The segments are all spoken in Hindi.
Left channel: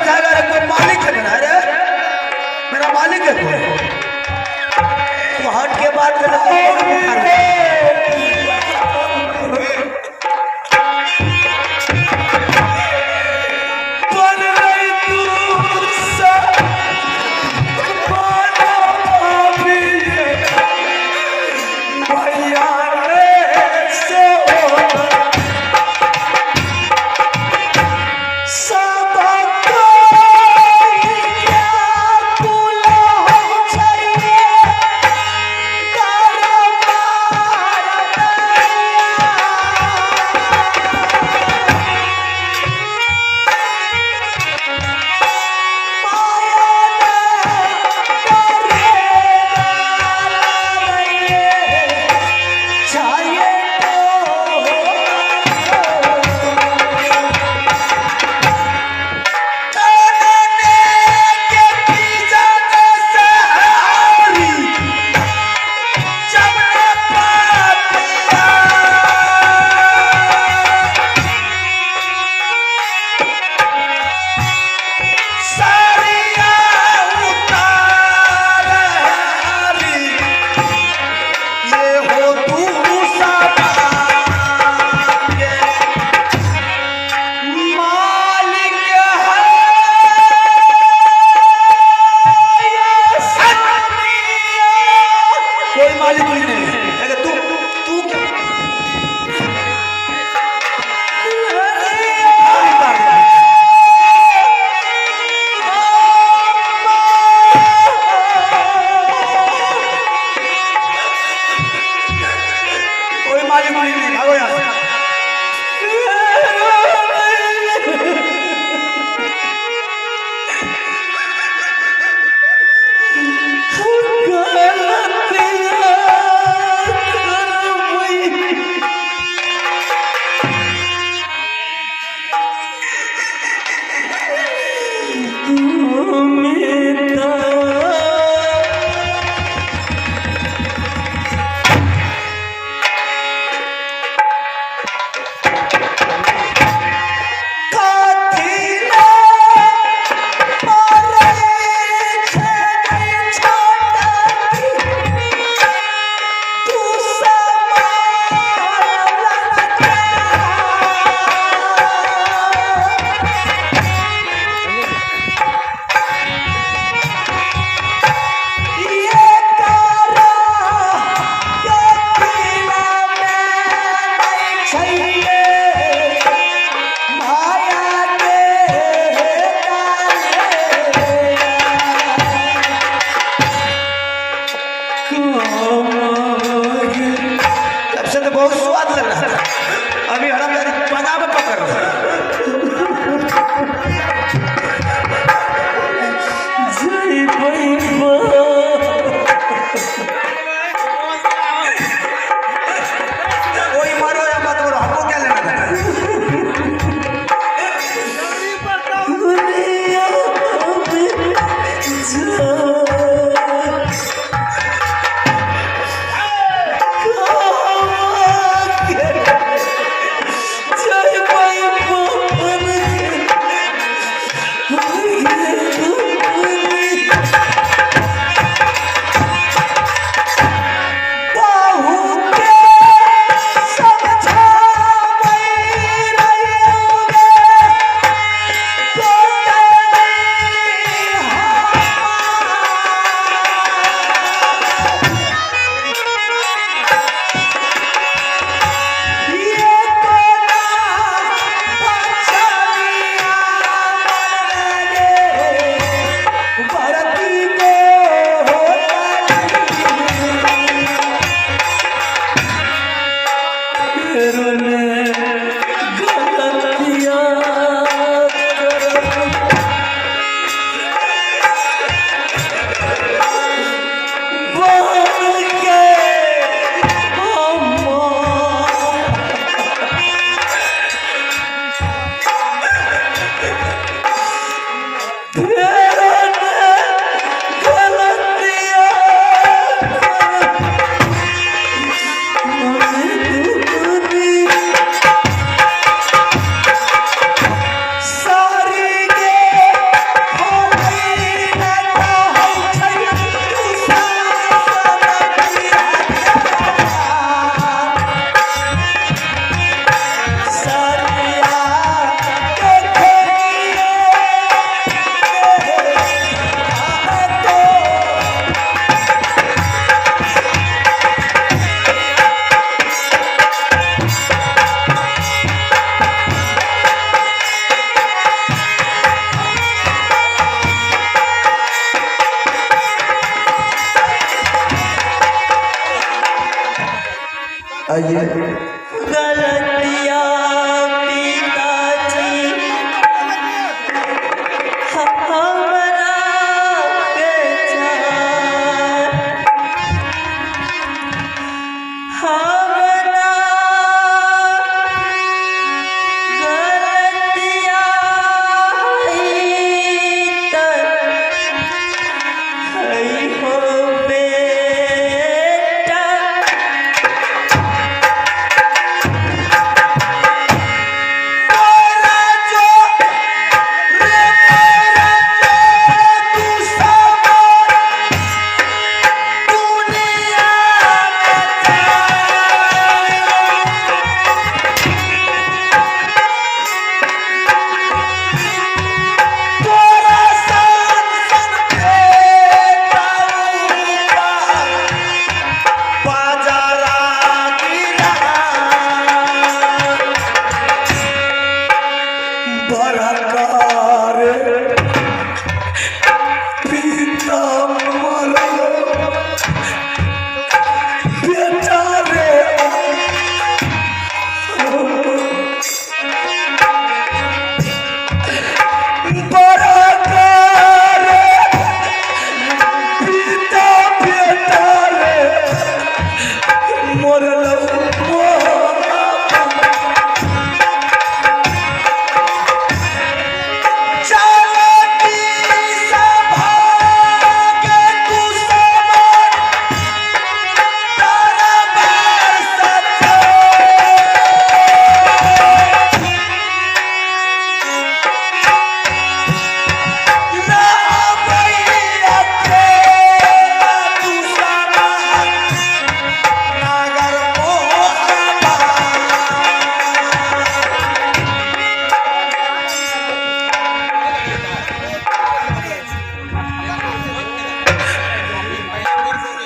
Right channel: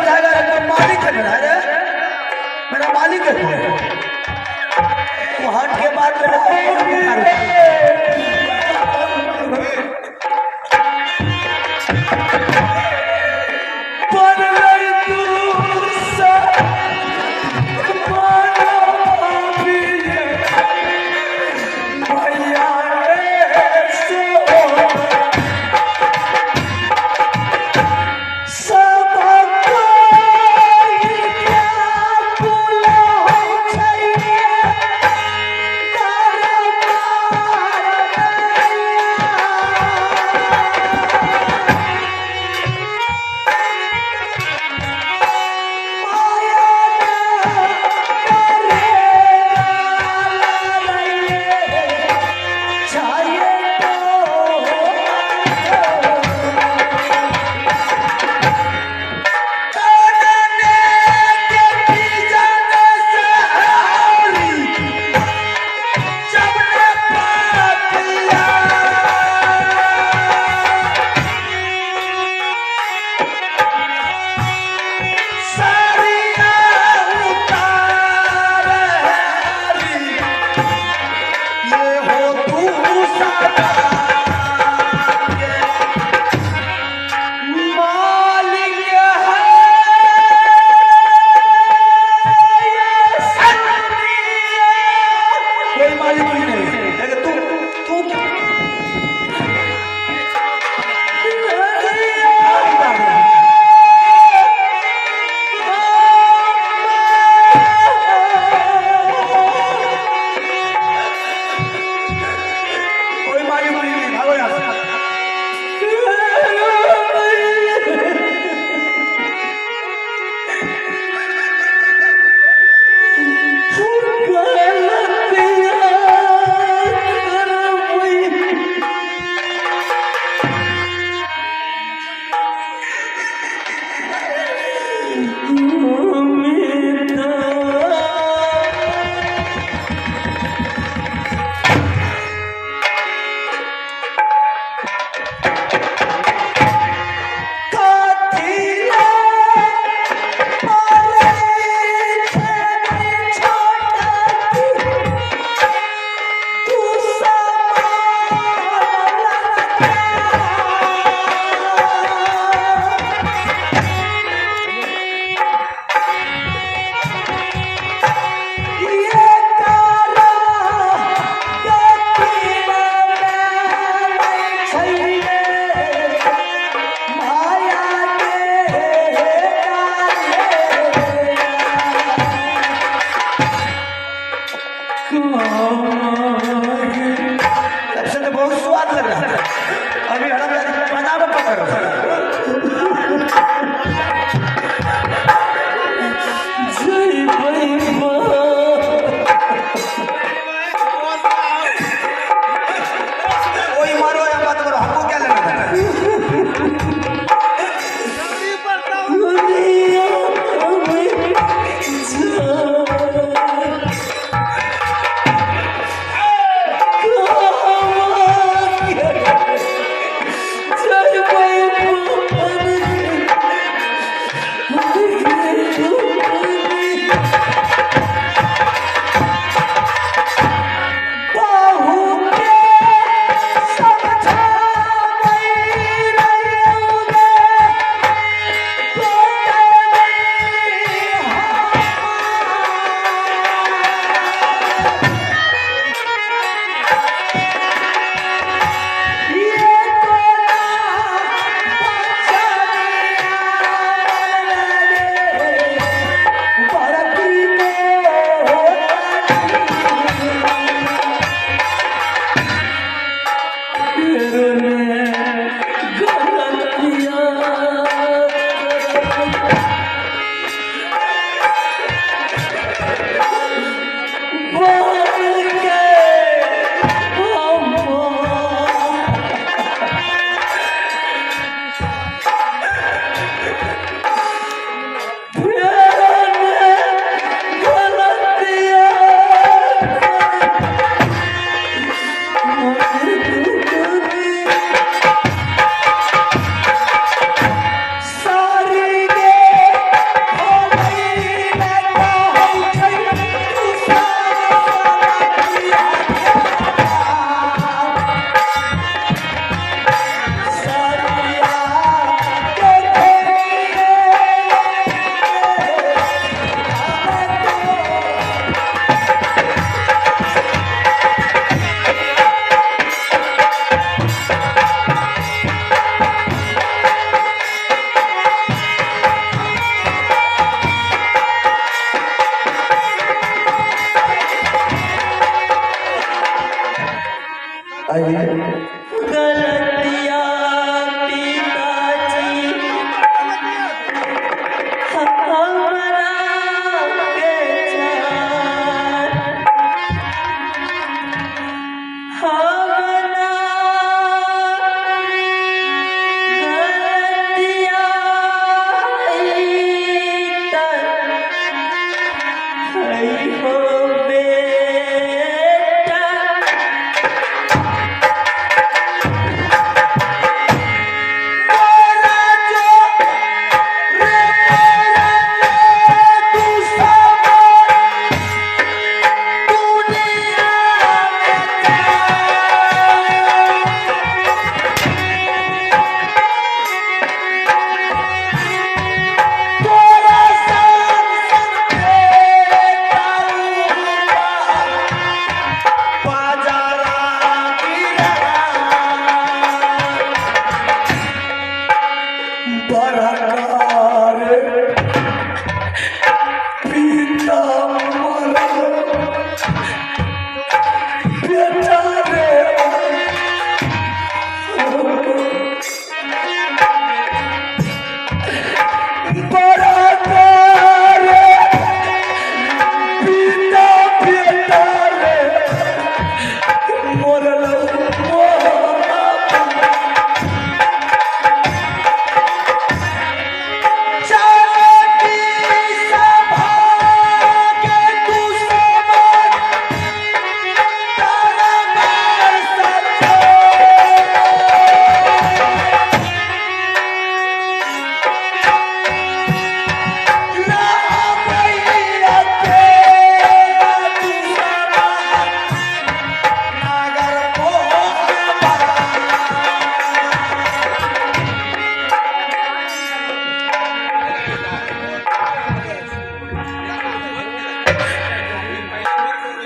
समझाएगा रे, कोई मालिक है मेरा रे, मेरा मालिक है कोई। तू हट के बात कर।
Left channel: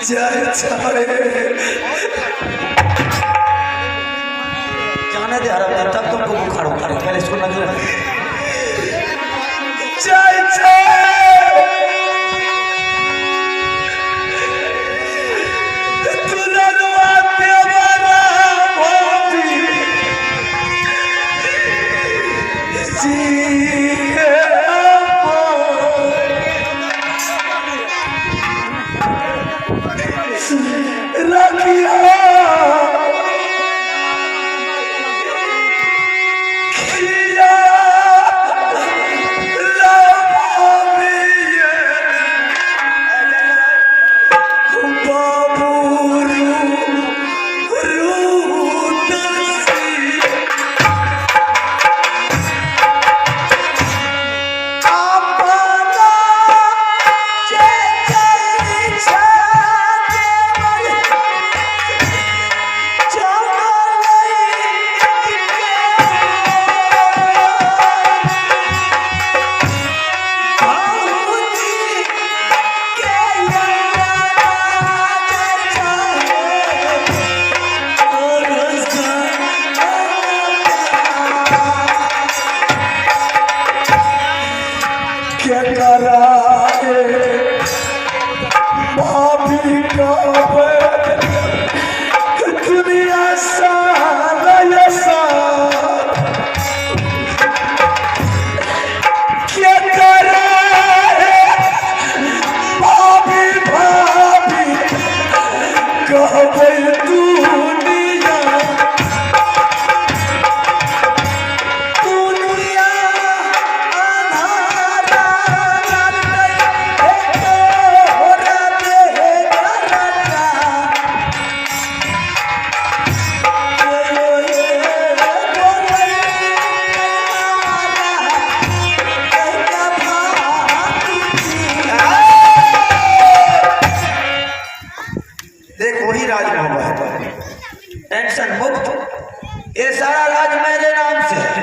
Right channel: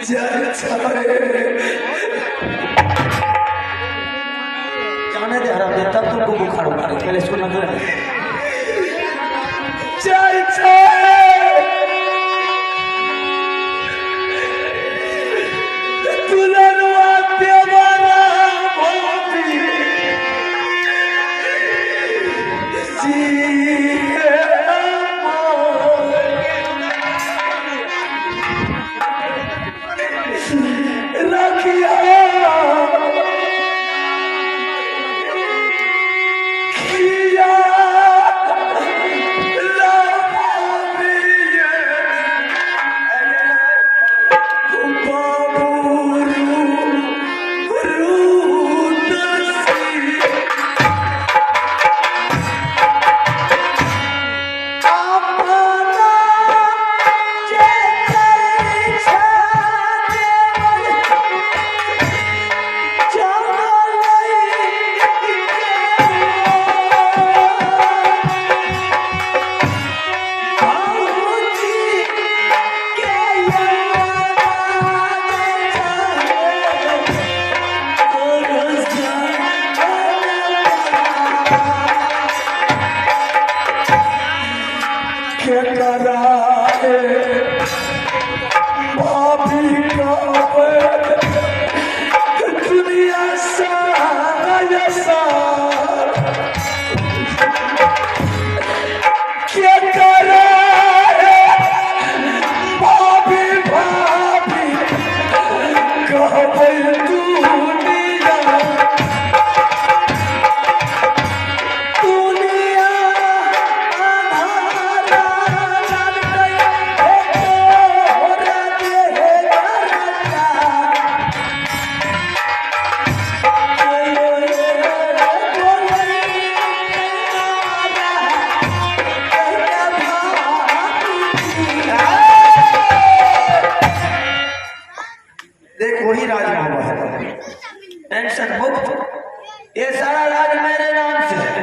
जाने दे आराम दे, तब तुमको बुखार उठाएगा। पहले इसको लगा टेंशन मुक्त। ये सारा राज मेरे नाम से है,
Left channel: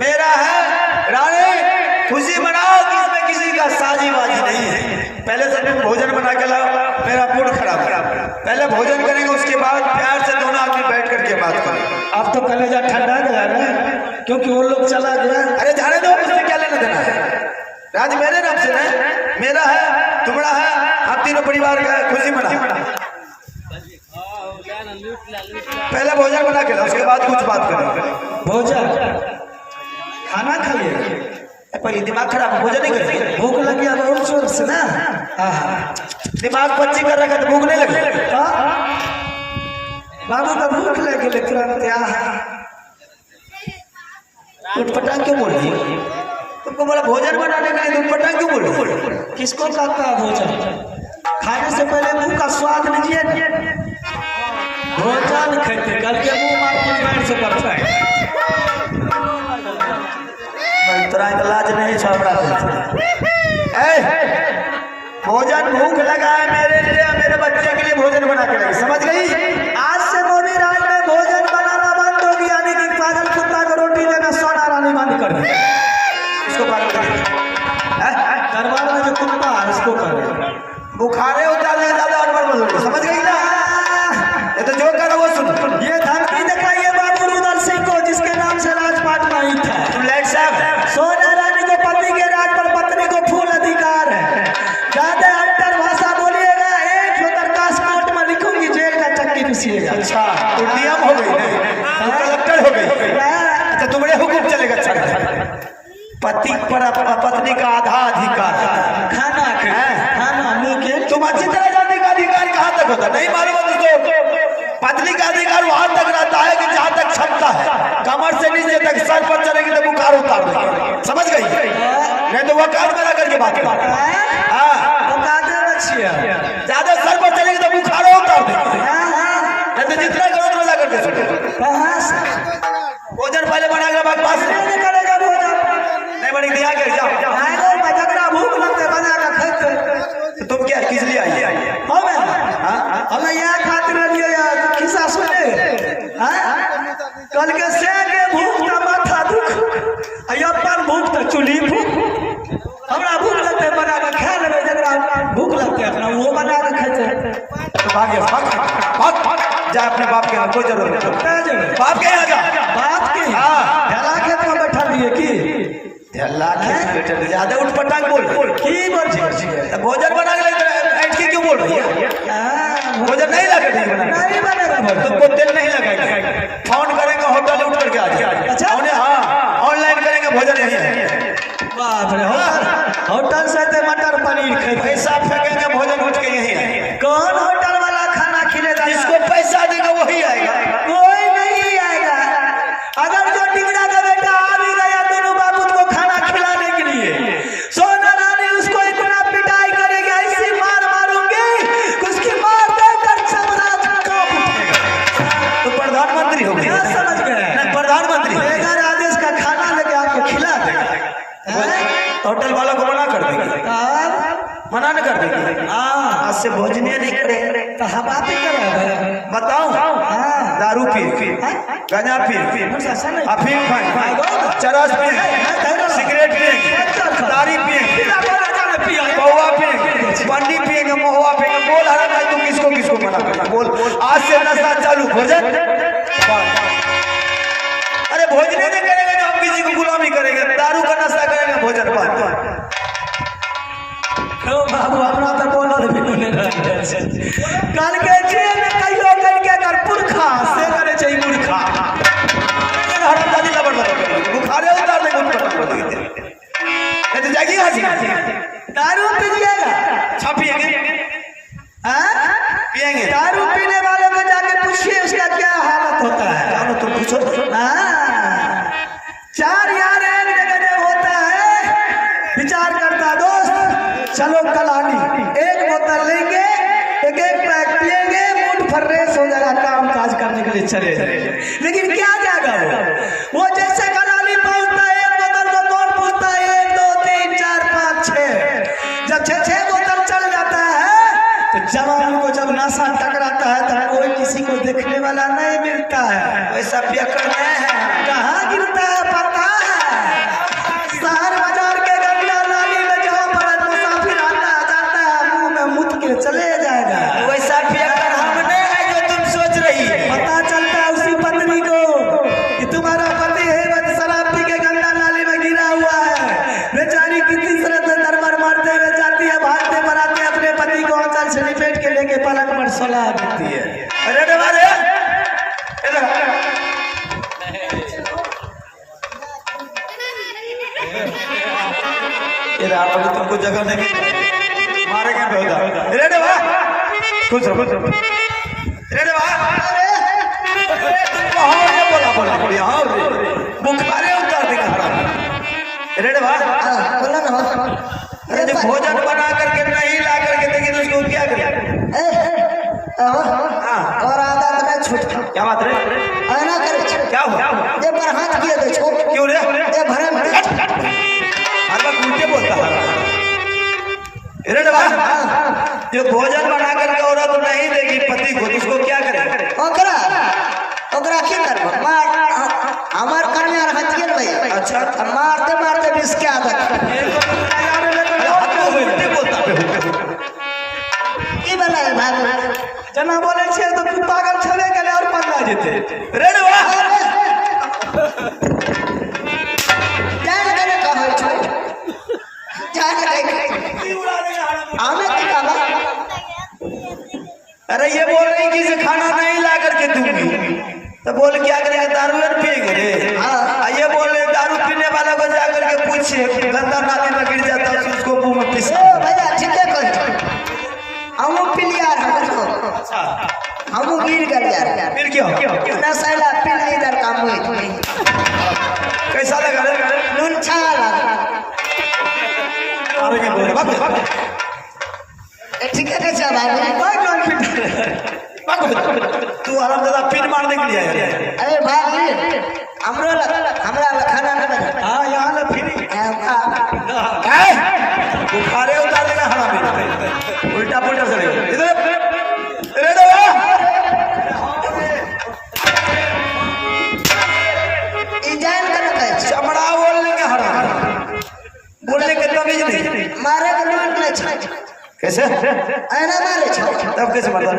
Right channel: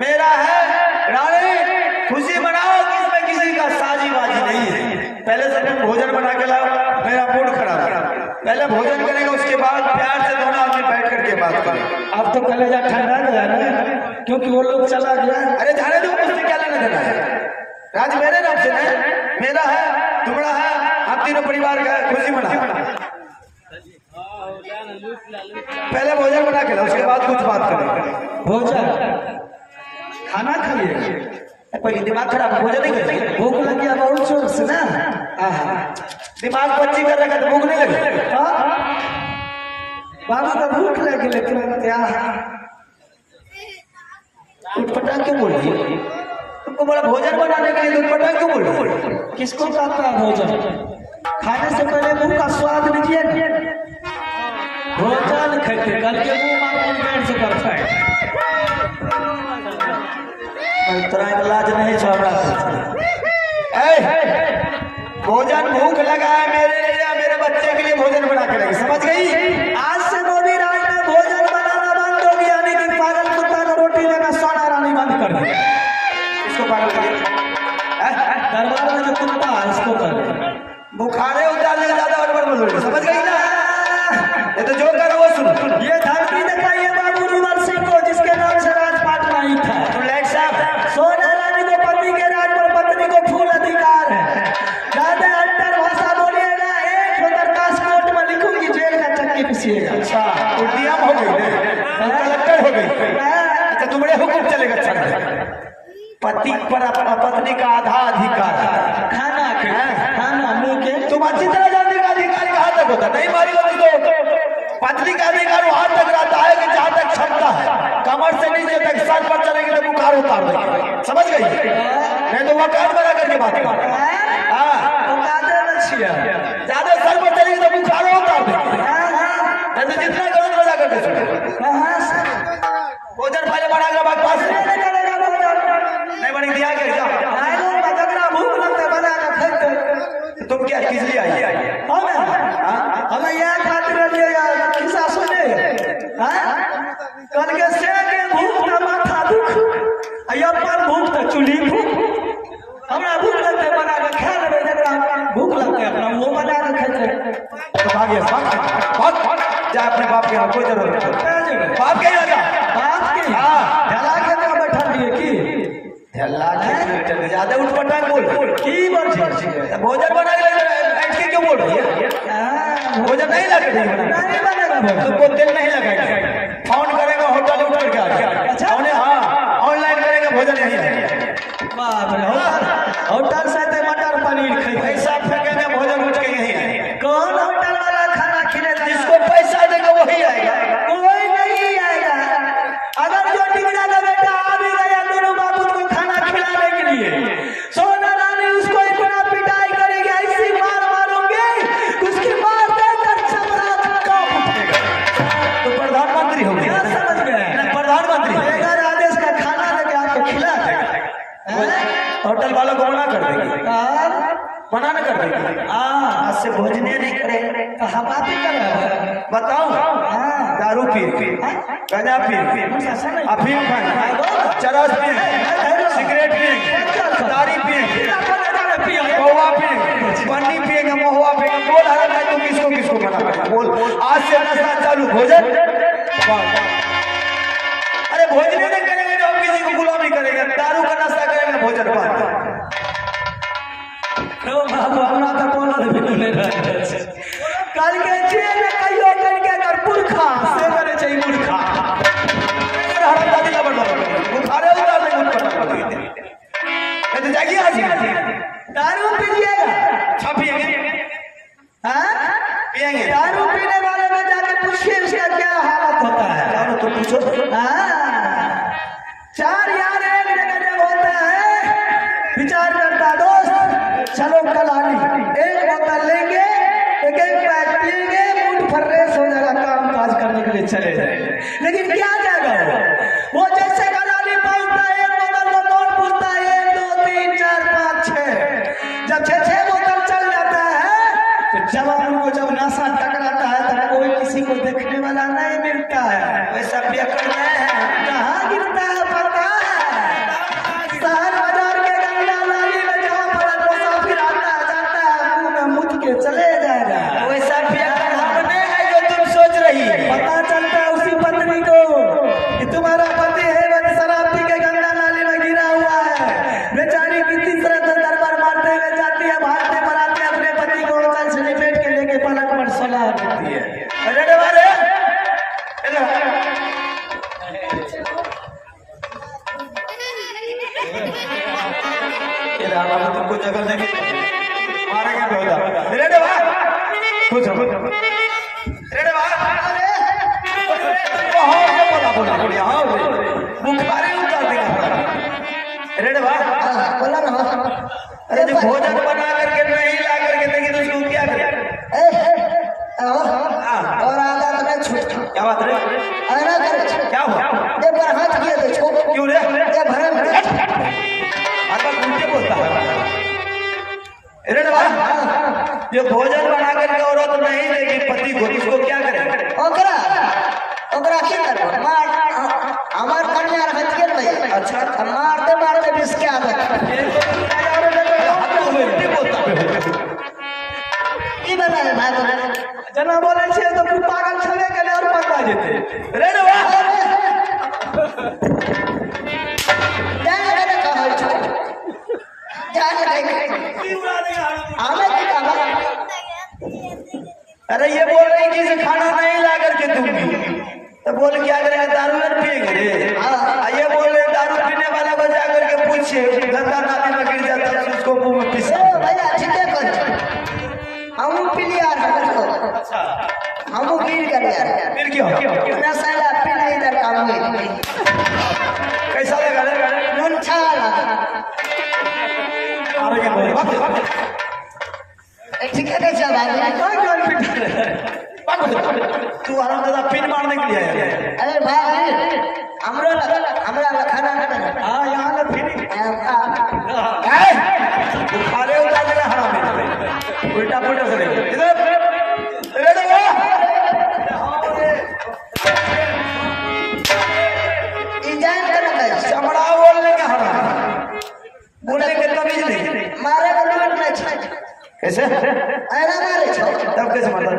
मेरा है। रानी खुशी मनाओ कि इसमें किसी का साझीबाजी नहीं है। पहले से तुम भोजन बना के लाओ, मेरा मूड खराब है। पहले भोजन करेंगे, उसके बाद प्यार से दोनों आदमी बैठ करके बात करें। अब तो पहले जब ठंडा गया ना, क्योंकि वो लोग चला गया। अरे जाने दो, मुझसे क्या लेना देना है। राज मेरे नाम से है, मेरा है, तुम्हारा है, हम तीनों परिवार का खुशी मनाओ। पहले भोजन बना के लो, उसके बाद कुछ बात करेंगे। भोजन खाना खाइए, पहले दिमाग खराब, भोजन नहीं करेंगे। भूख लग गया बहुत जोर से ना, दिमाग बच्ची कर रखा तो भूख नहीं लगे। बाबा का भूख लगी, लेकिन उठपटांग क्यों बोल रही है? तुमको बड़ा भोजन बनाने के लिए उठपटांग क्यों बोल रही है? किसको कहता है भोजन? खाने से पहले मुंह का स्वाद लीजिए। भोजन खेते करके मुंह मार से करता है। इतना लाज नहीं छावड़ा। भोजन भूख लगा है मेरे लिए, मेरे बच्चे के लिए भोजन बना के लगे, समझ गई? आज से मोदी राज में भोजन बनाना बंद हो गया, यानी कि पागल कुत्ता को रोटी देना सोना रानी बंद कर दे। इसको पागल कर दे। दरबार में जो कुत्ता है उसको कर दे। बुखारे उतार ले दादा, समझ गई ना? ये तो जो करो वो सुन। ये धमकी दिखाइए बाबू रुदल सिंह को, जिसके नाम से राजपाट नहीं था। सोना रानी के पति के राज पर पत्नी को फूल अधिकार है। ज्यादा अंतर भाषा बोलिएगा, एक दरखास्त कोर्ट में लिखूंगी, जेल का चक्की पिसिएगा। अच्छा, तो नियम हो गई, कलेक्टर हो गई। अच्छा, तुम्हारे हुक्म चलेगा। पति पर पत्नी का आधा अधिकार, खाना मुंह। तुम अच्छी तरह जानने का अधिकार कहाँ तक होता? नहीं मालूम। पत्नी का अधिकार वहां तक रहता है कि जहां तक क्षमता है, कमर से नीचे तक सर पर चलेगी तो बुखार उतार देगी, समझ गई? नहीं तो वो कान बना करके बात कर। ज्यादा सर पर चलेगी तो बुखार उतार देगी। नहीं तो जितना करो तो मजा करके सुनो। भोजन पहले बना कर पास नहीं बनी दिया के तुम क्या किस लिए आई? हमें यह खातिर किस्सा सुने। कल के से के भूख ना माथा दुख, अयो पर भूख तो चुली भूख। हमरा भूख लगते बना बोल की बोल भोजन बना के क्यों बोल रही है? भोजन नहीं लगा तुमको दिल नहीं लगाएगा, फोन करेगा होटल उठ करके आ जाएगा। अच्छा हाँ ऑनलाइन करेगा भोजन यही होटल से तो मटर पनीर खाए पैसा फेंकेगा भोजन उठ के यही। कौन होटल वाला खाना खिलेगा? जिसको पैसा देगा वही आएगा, कोई नहीं आएगा। अगर जो टिकरा का बेटा आ भी गया दोनों बाप उसको खाना खिलाने के लिए, सोना रानी उसको इतना पिटाई करेगी, ऐसी मार मारूंगी उसकी मार देकर छक्का उठेगा। तो प्रधानमंत्री हो गया, समझ गए? प्रधानमंत्री अगर आदेश का खाना लेके आपको खिला देगा, होटल वालों को मना कर देगी, मना न कर देगी। आज से भोजने नहीं करे तो हम बात ही कर बताओ। दारू पी गांजा पी अफीम खाए चरस पी सिगरेट पी दारी पी महुआ पी बंडी पिएगा महुआ पिएगा। बोल हरा नहीं तुम किसको किसको मना कर बोल। आज से नशा चालू भोजन। अरे भोजने नहीं करेगा तो हम किसी को गुलामी करेगा, दारू का नशा करेगा भोजन पर। कल के जेल में कहियो कल के अगर पुरखा से करे चाहिए पुरखा हटा दिला बड़ा बुखारे उतार ले ये तो जाइए आज दारू पी लिया छापिएंगे हां पिएंगे। दारू पीने वाले में जाके पूछिए उसका क्या हालत होता है, जानो तो पूछो। हां चार यार एक जगह होता है, विचार करता दोस्त चलो कलानी एक बोतल लेंगे एक एक पैक पिएंगे मूड फ्रेश हो जाएगा, काम काज करने के लिए चले जाएंगे। लेकिन क्या जाएगा वो जैसे कलानी पहुंचता है एक बोतल का कौन पूछता है 1 2 3 4 5 6 जब 6 बोतल चल जाता है तो जवान को जब नशा टकराता है तो कोई किसी को देखने वाला नहीं मिलता है। वैसा बेकर कहाँ गिरता है पता है? शहर बाजार के गंगा नाली में जहाँ पर मुसाफिर आता जाता है मुंह में मुत के चले जाएगा। वैसा बेकर नहीं है जो तुम सोच रही है। पता चलता है उसी पत्नी को कि तुम्हारा पति है वो शराब पी के गंगा नाली में गिरा हुआ है। बेचारी कितनी तरह से दरबार मारते हुए जाती है, भागते बनाते अपने पति को अंचल से लपेट के लेके पलक पर सुला देती है। अरे डबारे तुमको जगह नहीं मारेंगे बेटा। रेडे भाई कुछ रेडे भाई अरे तुमको हो ये बोला बढ़िया हो बुखारे उतार देगा। रेडे भाई बोला ना। अरे जो भोजन बना करके नहीं ला करके देगी तो उसको क्या करें? और आदत में छूट क्या बात है? आना करे क्या हुआ? जब हाथ किया दे छोड़ क्यों रे? जब भरा उल्टे बोलता है। जो भोजन बना करके औरत नहीं देगी पति को उसको क्या करे? ओकरा की करे हमार कन्या हाथ के भाई। अच्छा मारते मारते बिस क्या आदत की बनाए भाई जना बोले छे तो तू पागल छले के और पंगा जेते। रे रे अरे ये बोल रही कि इसे खाना नहीं ला करके दूंगी तो बोल क्या करेगा? दारू पिएंगे। ये बोल रहे दारू पीने वाले को जाकर के पूछे गंदा नाली में गिर जाता है उसको मुंह में पीस भैया ठीक है हम पी लिया हम गिर गए यार फिर क्यों इतना साला पी नहीं इधर काम हुई कैसा लगा? नून छाला अरे ठीक है कैसा तू आराम दादा पिन मारने के लिए है। अरे भाई हमरा खाना हां यहां ना फिर बुखारे उतार दिया। हां उल्टा पुल्टा से इधर रेडो इजान करता है चमड़ा बोलने के हरा बोलने के तो भी नहीं मारे के कैसे आना मारे तब कैसे बता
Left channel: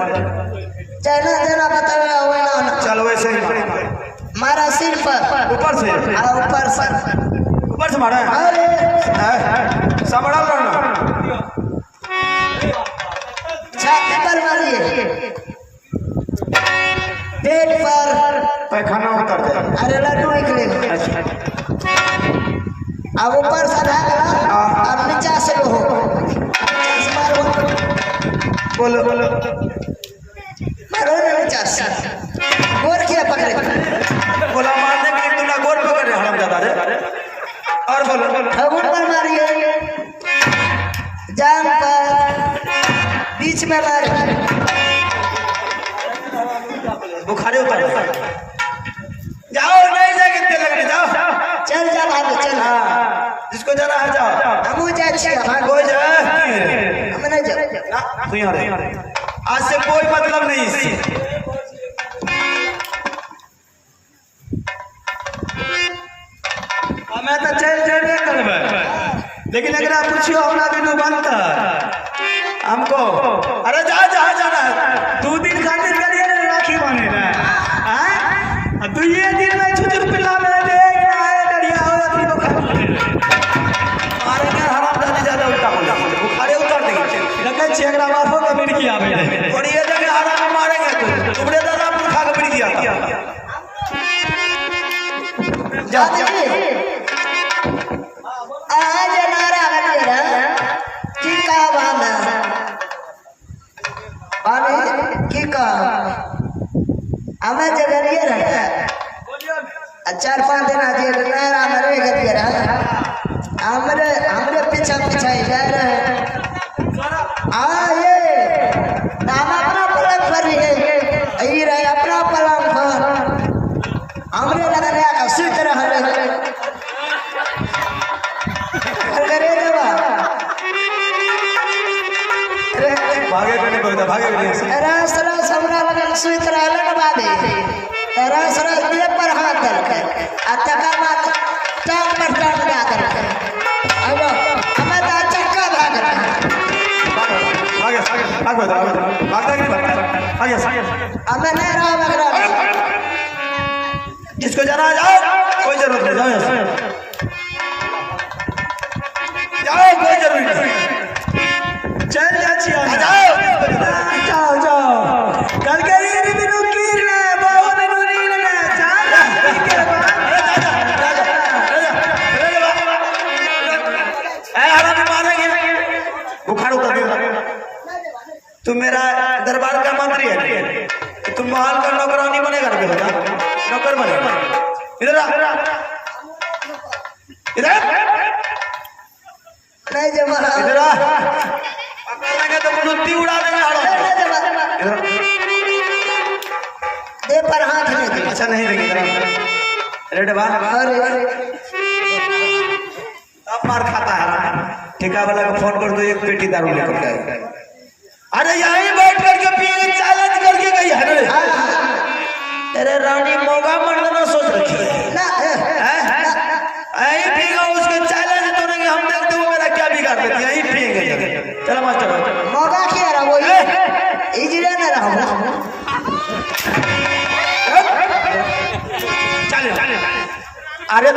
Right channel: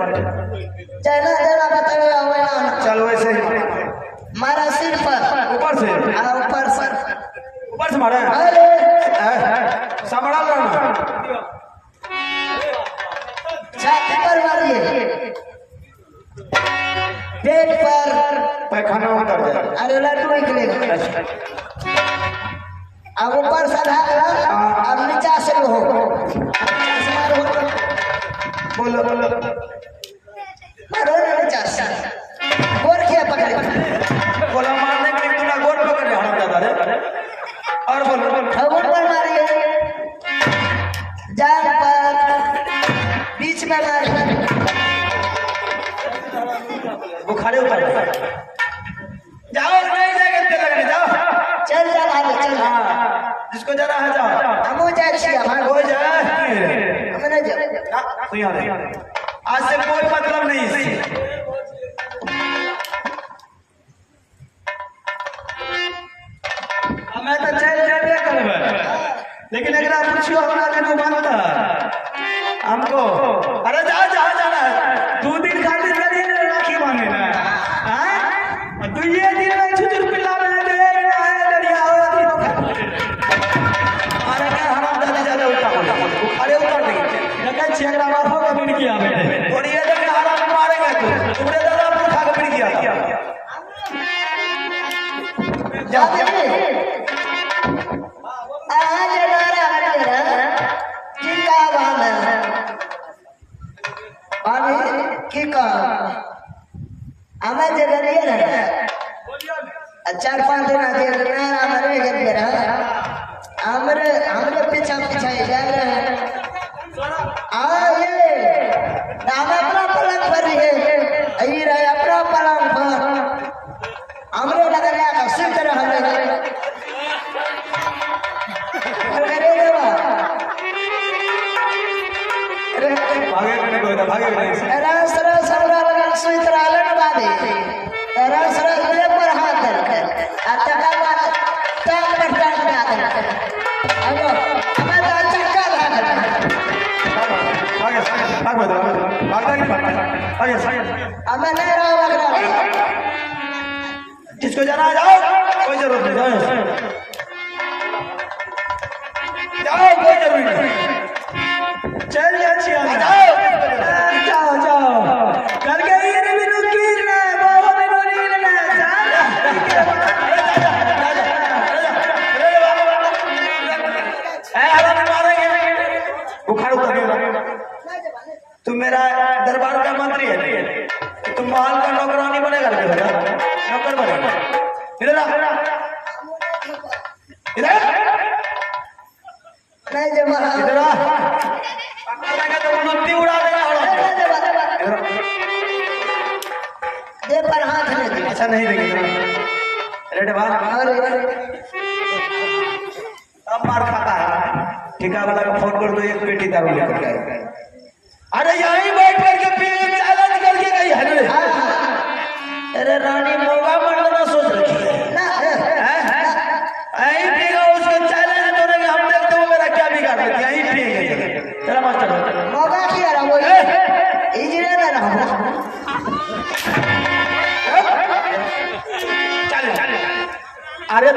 चला जरा बताया हुआ ना चल वैसे ही मारा सिर पर ऊपर से मारा अरे समड़ा बोलो मारो रे चाचा गोर किया पकड़े बोला मारने के लिए तूने गोर पकड़ रहे हम दादा रे और बोलो खबर पर मारिए जान का बीच में मारे बुखारे उतर जाओ नहीं जाके लगने जाओ चल चल आगे चल जिसको जाना है जाओ हम जाए छिए हाँ कोई जा हमने जा तू यहाँ रह आज से कोई मतलब नहीं इससे मैं तो चल जाने करबे लेकिन अगर आप पूछियो हमरा के नहीं मानता हमको अरे जा जा जाना 2 दिन खातिर करिए ना राखी बने ना हां 2 दिन में छुटुर पिला में देखना है डरिया होती तो मारे हराम दादा ज्यादा अरे उतर नहीं लगे छेकड़ा बापो का मिट किया मैंने और ये जगह हराम मारेंगे तुमने दादा पर खा के मिट किया जा जा आज नारा हमारा जिंदा बांधा आने की काम हमें जगरिए रहा 4-5 दिन आते नारा हमारे गए रहा हमरे पीछे पीछे जा रहे आए नाम अपना पलंग पर है आई रहा अपना पलंग पर हमरे नगर या सुत रहा है अरे देवा भागे रस रस हमरा लगन सुत रहले न बादे रस रस देह पर हाथ धर के आता का बात टांग पर टांग दे आकर अब हमें तो चक्का भाग रहा हमें नहीं रहा मगर जिसको जाना जाओ कोई जरूरत नहीं जाओ कोई जरूरत नहीं चल जाओ जाओ जाओ कल के ये बिनु कीर ना बाबा बिनु नील ना बुखार उतर गया तू मेरा दरबार का मंत्री है तो तुम महल का नौकरानी बनेगा नौकर बनेगा इधर इधर नहीं जमा इधर पकड़ेंगे तो मुट्ठी उड़ा देगा दे पर हाथ ले दे अच्छा नहीं रहेगा रेड बार अब मार खाता है ठेका वाला को फोन कर दो एक पेटी दारू लेकर के अरे यहीं बैठ करके पिए चैलेंज करके गई है रे अरे रानी मौका मारना सोच रखी है ना यहीं पिएगा उसको चैलेंज करेंगे हम देखते हैं मेरा क्या बिगाड़ देती है यहीं पिएंगे चला मास्टर मौका किया रहा वो इजरे में रहा चल अरे